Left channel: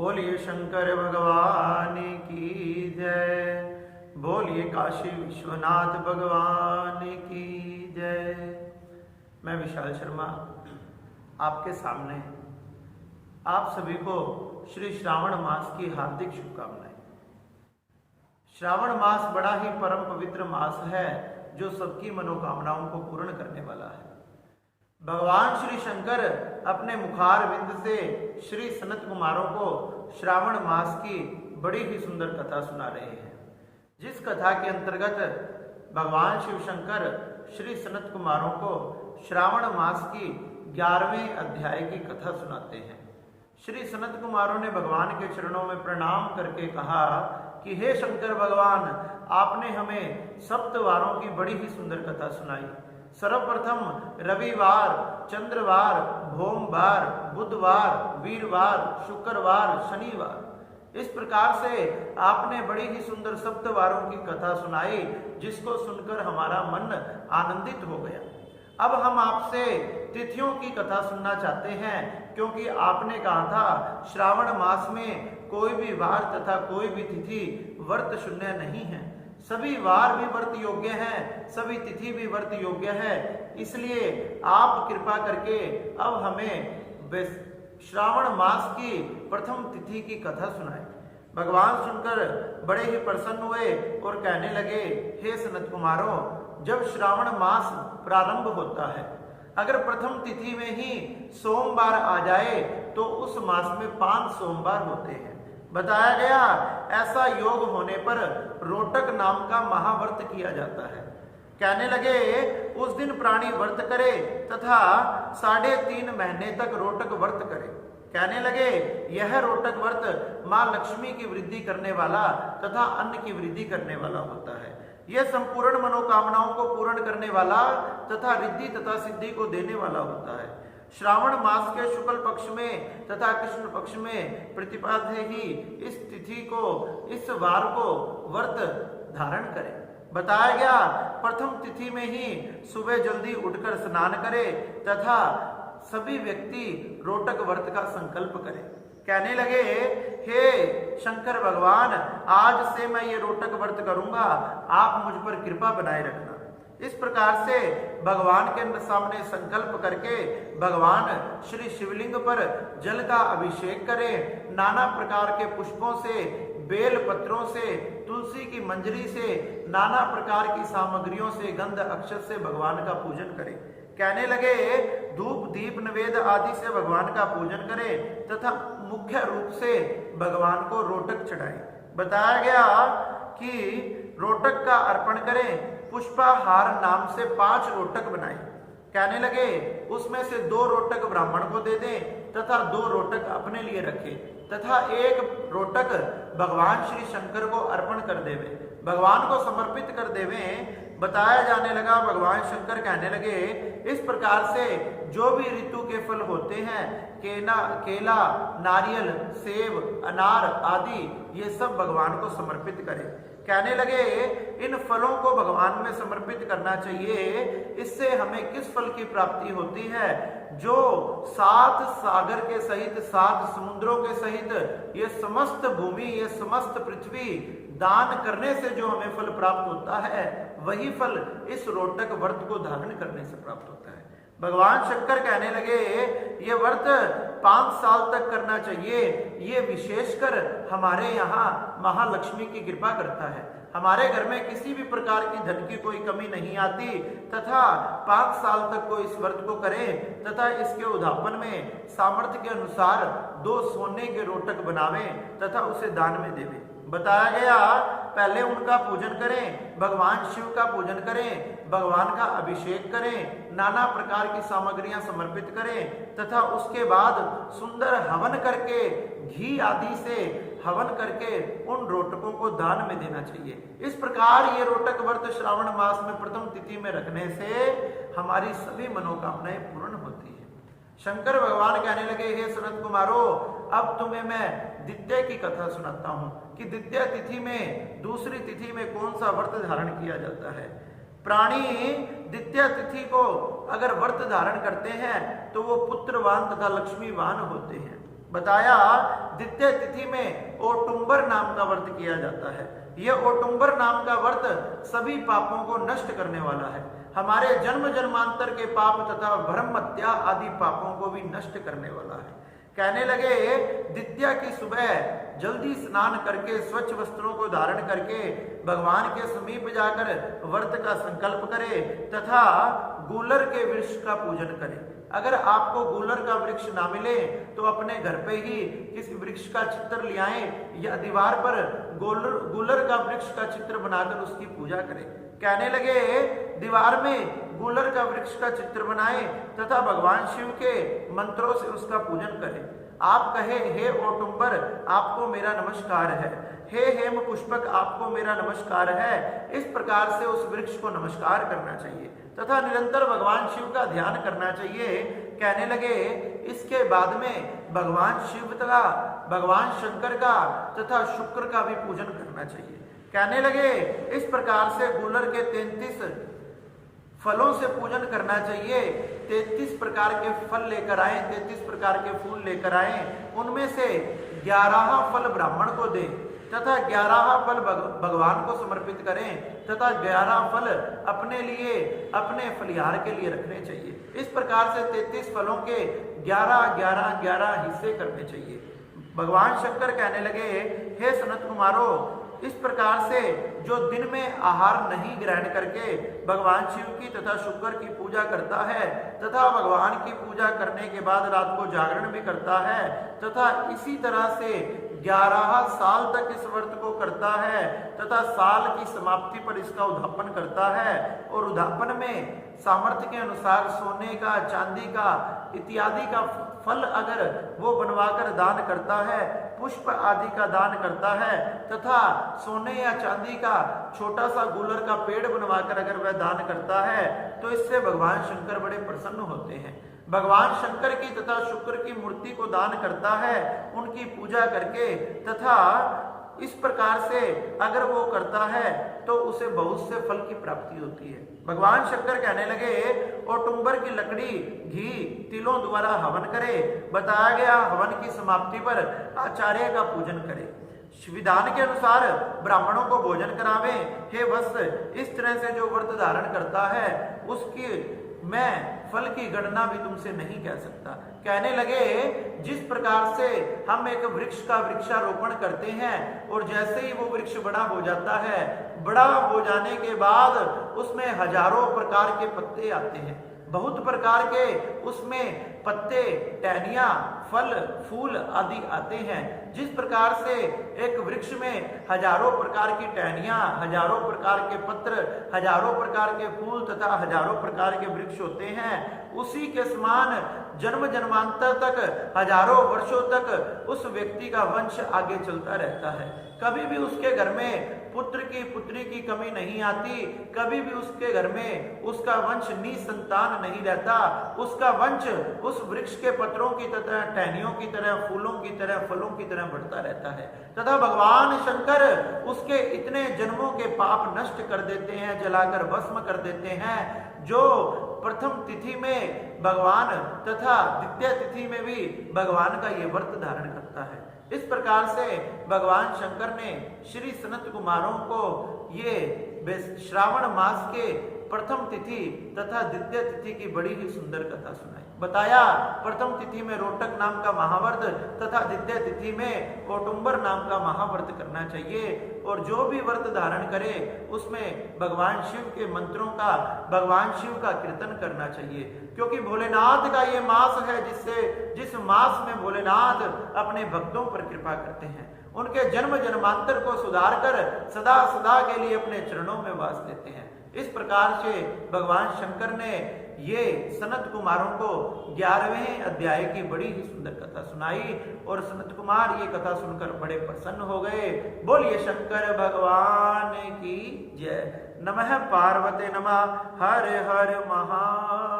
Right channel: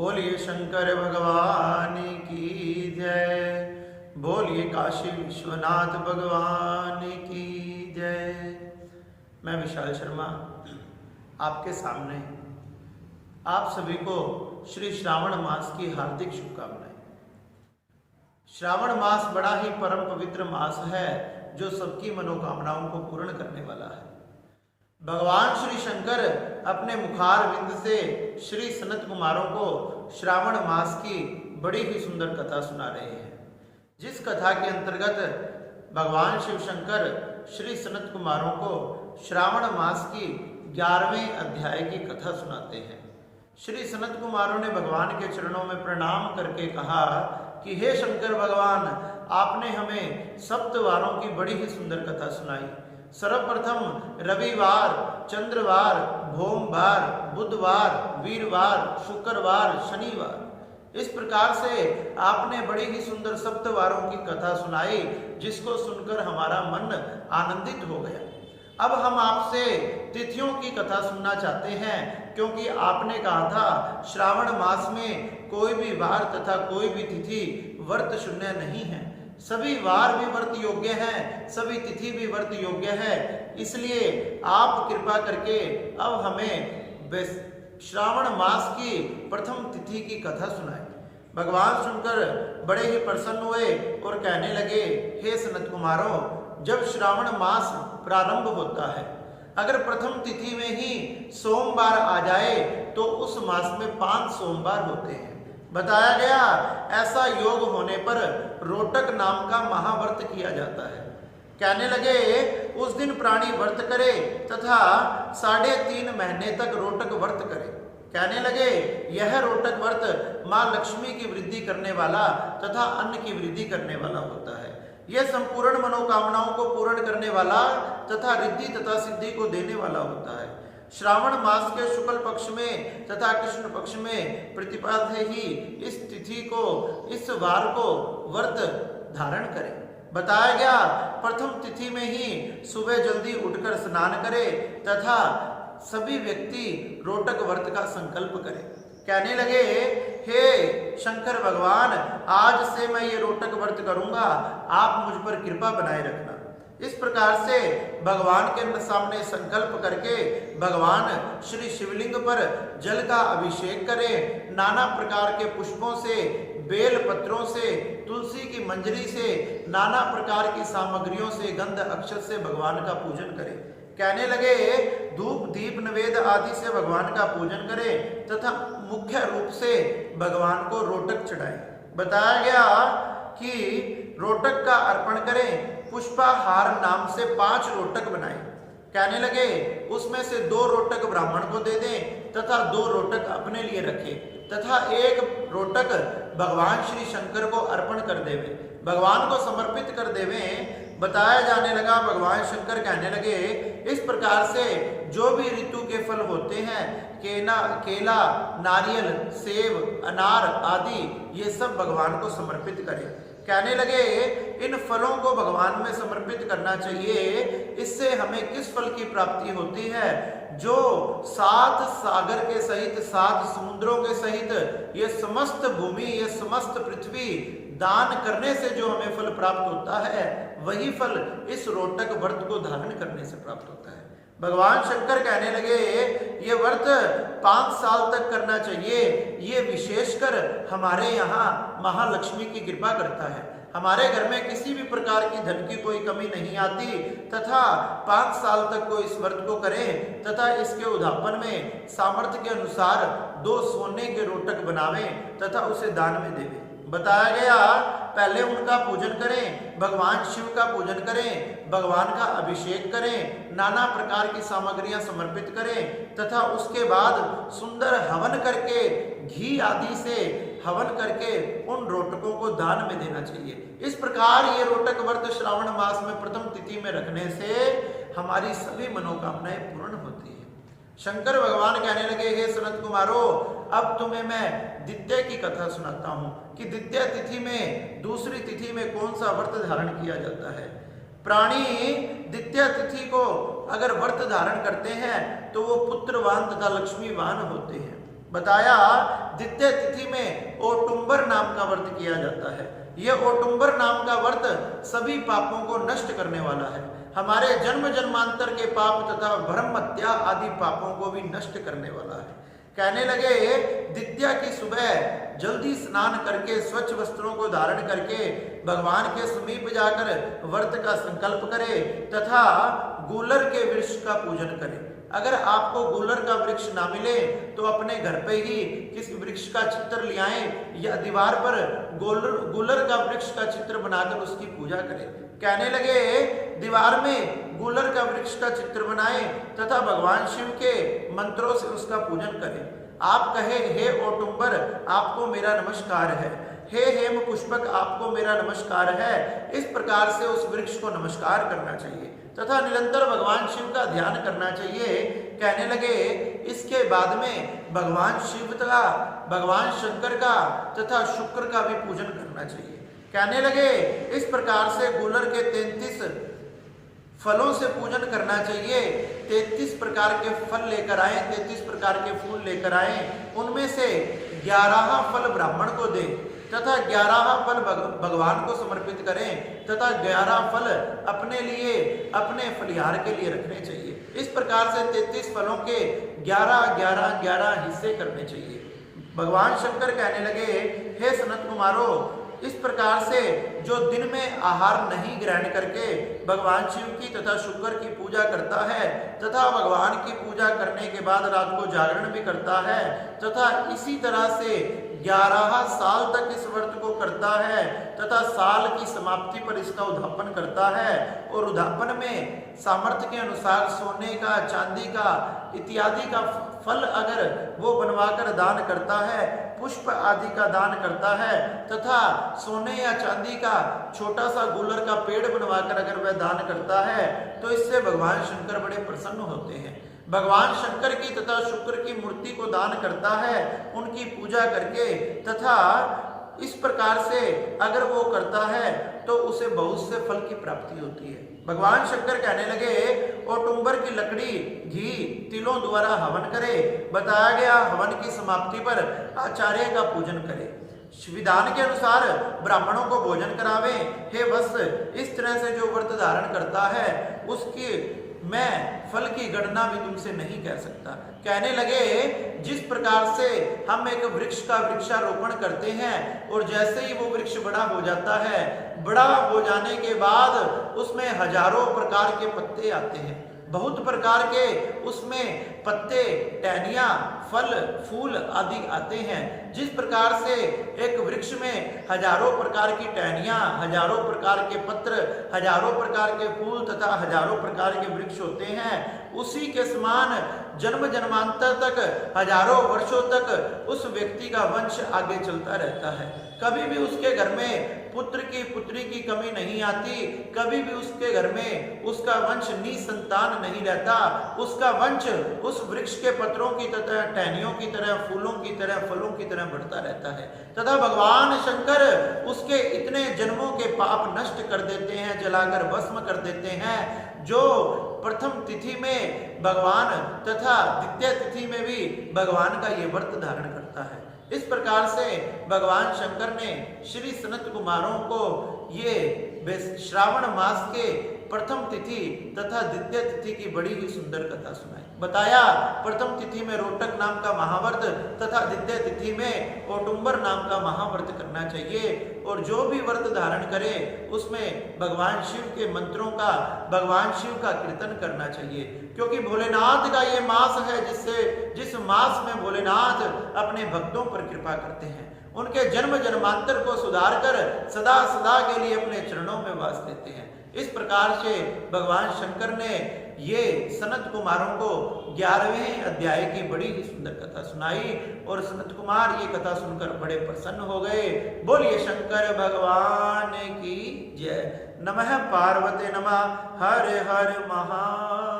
बोलिए शंकर भगवान की जय। बोलिए काशी विश्वनाथ भगवान की जय। मैं विशाल शर्मा आपके सामने आप सभी को श्री श्रावण मास की हार्दिक शुभकामनाएं। श्रावण मास बड़ा ही परम पवित्र मास है जो सबकी मनोकामनाओं को पूर्ण करने वाला है। भगवान श्री शंकर अपने मुखार विंद से श्री सनत कुमारों को श्रावण मास की बड़ी ही सुंदर कथा सुना रहे हैं, जिस कथा के अंतर्गत भगवान शिव शंकर श्री सनत कुमारों को श्रावण मास की 11वें अध्याय की कथा सुनाते हैं। श्री सनत कुमारों ने भगवान के चरणों में प्रणाम करके कहा कि हे शंकर भगवान, आपने हमें सप्तवारों की बड़ी ही सुंदर कथा सुनाई। सर्वप्रथम रविवार, चंद्रवार, भोमवार, बुधवार, वीरवार, शुक्रवार, शनिवार, इस प्रकार से आपने बड़ी ही सुंदर सप्तवारों की कथा सुनाई, जिसको सुनकर हमारा मन आनंदित हो गया। अब हम आपसे तिथियों की कथा सुनना चाहते हैं, क्योंकि आपने कहा था श्रावण मास में कोई भी वार तथा कोई भी तिथि व्रत शून्य नहीं है। सभी वार भी व्रत योग्य हैं, सभी तिथि भी व्रत योग्य है। इसलिए आप कृपा करके अब हमें श्रावण मास की प्रथम तिथि की कथा सुनाएं। भगवान सुनकर बड़े ही प्रसन्न हुए और कहने लगे, हे सनत कुमारों, जब श्रावण मास प्रारंभ होता है, अगर प्रथम तिथि में ही सोमवार आ जाए तो उस मास में 5 सोमवार होते हैं। बताया गया ऐसा योग होने पर रोटक नाम का महाव्रत किया जाता है। कहने लगे उस दिन प्राणी व्रत करे तथा 3.5 महीने तक रोटक व्रत करे। कहने लगे यह रोटक व्रत मां लक्ष्मी की वृद्धि करने वाला तथा अन्न की वृद्धि करने वाला होता है। यह संपूर्ण मनोकामनाओं को पूर्ण करने वाला तथा रिद्धि तथा सिद्धि को देने वाला होता है। श्रावण मास के शुक्ल पक्ष में तथा कृष्ण पक्ष में प्रतिपद ही इस तिथि को, इस वार को व्रत धारण करें। बताया गया प्रथम तिथि में ही सुबह जल्दी उठकर स्नान करे तथा सभी व्यक्ति रोटक व्रत का संकल्प करें। कहने लगे हे शंकर भगवान, आज से मैं ये रोटक व्रत करूंगा, आप मुझ पर कृपा बनाए रखना। इस प्रकार से भगवान के सामने संकल्प करके भगवान श्री शिवलिंग पर जल का अभिषेक करें। नाना प्रकार के पुष्पों से, बेल पत्रों से, तुलसी की मंजरी से, नाना प्रकार की सामग्रियों से, गंध अक्षत से भगवान का पूजन करें। कहने लगे धूप दीप नवेद आदि से भगवान का पूजन करें तथा मुख्य रूप से भगवान को रोटक चढ़ाएं। बताया गया कि रोटक का अर्पण करें। पुष्पाहार नाम से 5 रोटक बनाए। कहने लगे उसमें से 2 रोटक ब्राह्मण को दे दें तथा 2 रोटक अपने लिए रखें तथा 1 रोटक भगवान श्री शंकर को अर्पण कर देवे, भगवान को समर्पित कर देवे। बताया जाने लगा भगवान शंकर कहने लगे इस प्रकार से जो भी ऋतु के फल होते हैं, केला, नारियल, सेब, अनार आदि, ये सब भगवान को समर्पित करें। कहने लगे इन फलों को भगवान में समर्पित करना चाहिए। इससे हमें किस फल की प्राप्ति होती है? जो 7 सागर के सहित, 7 समुद्रों के सहित ये समस्त भूमि, ये समस्त पृथ्वी दान करने से जो हमें फल प्राप्त होता है, वही फल इस रोटक व्रत को धारण करने से प्राप्त होता है। भगवान शंकर कहने लगे ये व्रत 5 साल तक करना चाहिए। ये विशेषकर हमारे यहाँ महालक्ष्मी की कृपा करता है। हमारे घर में किसी भी प्रकार की धन की कोई कमी नहीं आती तथा 5 साल तक कोई इस व्रत को करे तथा इसके उद्यापन में सामर्थ्य के अनुसार 2 सोने के रोटक बनावे तथा उसे दान में देवे। बताया गया पहले उनका पूजन करें, भगवान शिव का पूजन करें, भगवान का अभिषेक करें, नाना प्रकार की सामग्रियां समर्पित करें तथा उसके बाद सुंदर हवन करके, घी आदि से हवन करके उन रोटकों को दान में देना चाहिए। इस प्रकार ये रोटक व्रत श्रावण मास में प्रथम तिथि में रखने से हमारी सभी मनोकामनाएं पूर्ण होती है। शंकर भगवान कहने लगे हे सनत कुमारो, अब तुम्हें मैं द्वितीय की कथा सुनाता हूँ कि द्वितीय तिथि में, दूसरी तिथि में कौन सा व्रत धारण किया जाता है। प्राणी द्वितीय तिथि को अगर व्रत धारण करते हैं तो वो पुत्रवान तथा लक्ष्मीवान होते हैं। बताया द्वितीय तिथि में ओटुंबर नाम का व्रत किया जाता है। यह ओटुंबर नाम का व्रत सभी पापों को नष्ट करने वाला है, हमारे जन्म जन्मांतर के पाप तथा भ्रम हत्या आदि पापों को भी नष्ट करने वाला है। कहने लगे द्वितीया की सुबह जल्दी स्नान करके स्वच्छ वस्त्रों को धारण करके भगवान के समीप जाकर व्रत का संकल्प करे तथा गूलर के वृक्ष का पूजन करे। अगर आपको गूलर का वृक्ष ना मिले तो अपने घर पे ही किसी वृक्ष का चित्र ले आए या दीवार पर गूलर का वृक्ष का चित्र बनाकर उसकी पूजा करें। कहने लगे दीवार में गूलर का वृक्ष का चित्र बनाएं तथा भगवान शिव के मंत्रों से उसका पूजन करें। आप कहे हे ओटुंबर आपको मेरा नमस्कार है, हे हेम पुष्पक आपको मेरा नमस्कार है। इस प्रकार से उस वृक्ष को नमस्कार करना चाहिए तथा निरंतर भगवान शिव का ध्यान करना चाहिए। कहने लगे इसके बाद में भगवान शिव का, भगवान शंकर का तथा शुक्र का भी पूजन करना चाहिए। कहने लगे इस प्रकार से गूलर के 33 फलों से पूजन करना चाहिए। 33 प्रकार के फल लेकर आए, 33 प्रकार के फूल लेकर आए, उनमें से 11 फल ब्राह्मण को दें तथा 11 फल भगवान को समर्पित करें तथा 11 फल अपने लिए, अपने फलिहार के लिए रखने चाहिए। इस प्रकार से 33 फलों के 11 हिस्से करने चाहिए। भगवान शंकर कहने लगे हे सनत कुमारो, इस प्रकार से जो दिन में आहार नहीं ग्रहण करके भगवान शिव की तथा शुक्र की पूजा करता है तथा भगवान की पूजा करने के बाद रात को जागरण भी करता है तथा इसी तरह से 11 साल तक इस व्रत को करता है तथा साल की समाप्ति पर इसका उद्यापन करता है और उद्यापन में सामर्थ्य के अनुसार सोने का, चांदी का इत्यादि का फल अगर वो बनवाकर दान करता है, पुष्प आदि का दान करता है तथा सोने या चांदी का छोटा सा गूलर का पेड़ बनवाकर अगर वह दान करता है तो इससे भगवान शंकर बड़े प्रसन्न होते हैं। भगवान शंकर की तथा शुक्र की मूर्ति को दान करता है उनकी पूजा करके तथा इस प्रकार से अगर वो करता है तो उसे बहुत से फल की प्राप्ति होती है। भगवान शंकर कहने लगे ओटुंबर की लकड़ी, घी, तिलों द्वारा हवन करे। बताया गया हवन की समाप्ति पर आचार्य का पूजन करे, विधान के अनुसार ब्राह्मणों को भोजन करावे। हे वत्स, इस तरह से जो व्रत धारण करता है उसकी मैं फल की गणना भी तुमसे नहीं कह सकता। कहने लगे जिस प्रकार से हम एक वृक्ष का वृक्षारोपण करते हैं और जैसे ही वो वृक्ष बड़ा हो जाता है, बड़ा हो जाने के बाद उसमें हजारों प्रकार के पत्ते आते हैं, बहुत प्रकार के उसमें पत्ते, टहनियां, फल, फूल आदि आते हैं। जिस प्रकार से एक वृक्ष में हजारों प्रकार की टहनियां, हजारों प्रकार के पत्र, हजारों प्रकार के फूल तथा हजारों प्रकार के वृक्ष होते हैं, उसी के समान जन्म जन्मांतर तक, हजारों वर्षों तक उस व्यक्ति का वंश आगे चलता रहता है। कभी भी उसके घर में पुत्र की, पुत्री की कमी नहीं आती, कभी भी उसके घर में उसका वंश निसंतान नहीं रहता। उसका वंश उस वृक्ष के पत्रों की तरह, टहनियों की तरह, फूलों की तरह, फलों की तरह बढ़ता रहता है तथा भगवान शंकर उसके इतने जन्मों के पाप नष्ट कर देते हैं, जलाकर भस्म कर देते हैं। जो प्रथम तिथि में भगवान तथा द्वितीय तिथि में भी भगवान का ये व्रत धारण करता है। इस प्रकार से भगवान शंकर ने श्री सनत कुमारों को ये श्रावण मास के प्रथम तिथि तथा द्वितीय तिथि की बड़ी ही सुंदर कथा सुनाई। बताया प्रथम तिथि में रोटक नाम का महाव्रत तथा द्वितीय तिथि में ओटुंबर नाम का महाव्रत करना चाहिए और जो भी व्रत धारण करे उसमें भगवान शिव के मंत्रों का, भगवान शिव का कीर्तन करना चाहिए, क्योंकि भोलेनाथ का ये मास है जिस मास में भोलेनाथ अपने भक्तों पर कृपा करते हैं, उनके जन्म जन्मांतर को सुधार कर सदा सदा के लिए अपने चरणों में वास देते हैं। इस प्रकार से भगवान शंकर ने ये सनत कुमारों को 11वें अध्याय की बड़ी ही सुंदर कथा सुनाई और सनत कुमार ये कथा सुनकर बड़े प्रसन्न हो गए। बोलिए शंकर भगवान की जय। नमः पार्वती नमः। हर हर महादेव।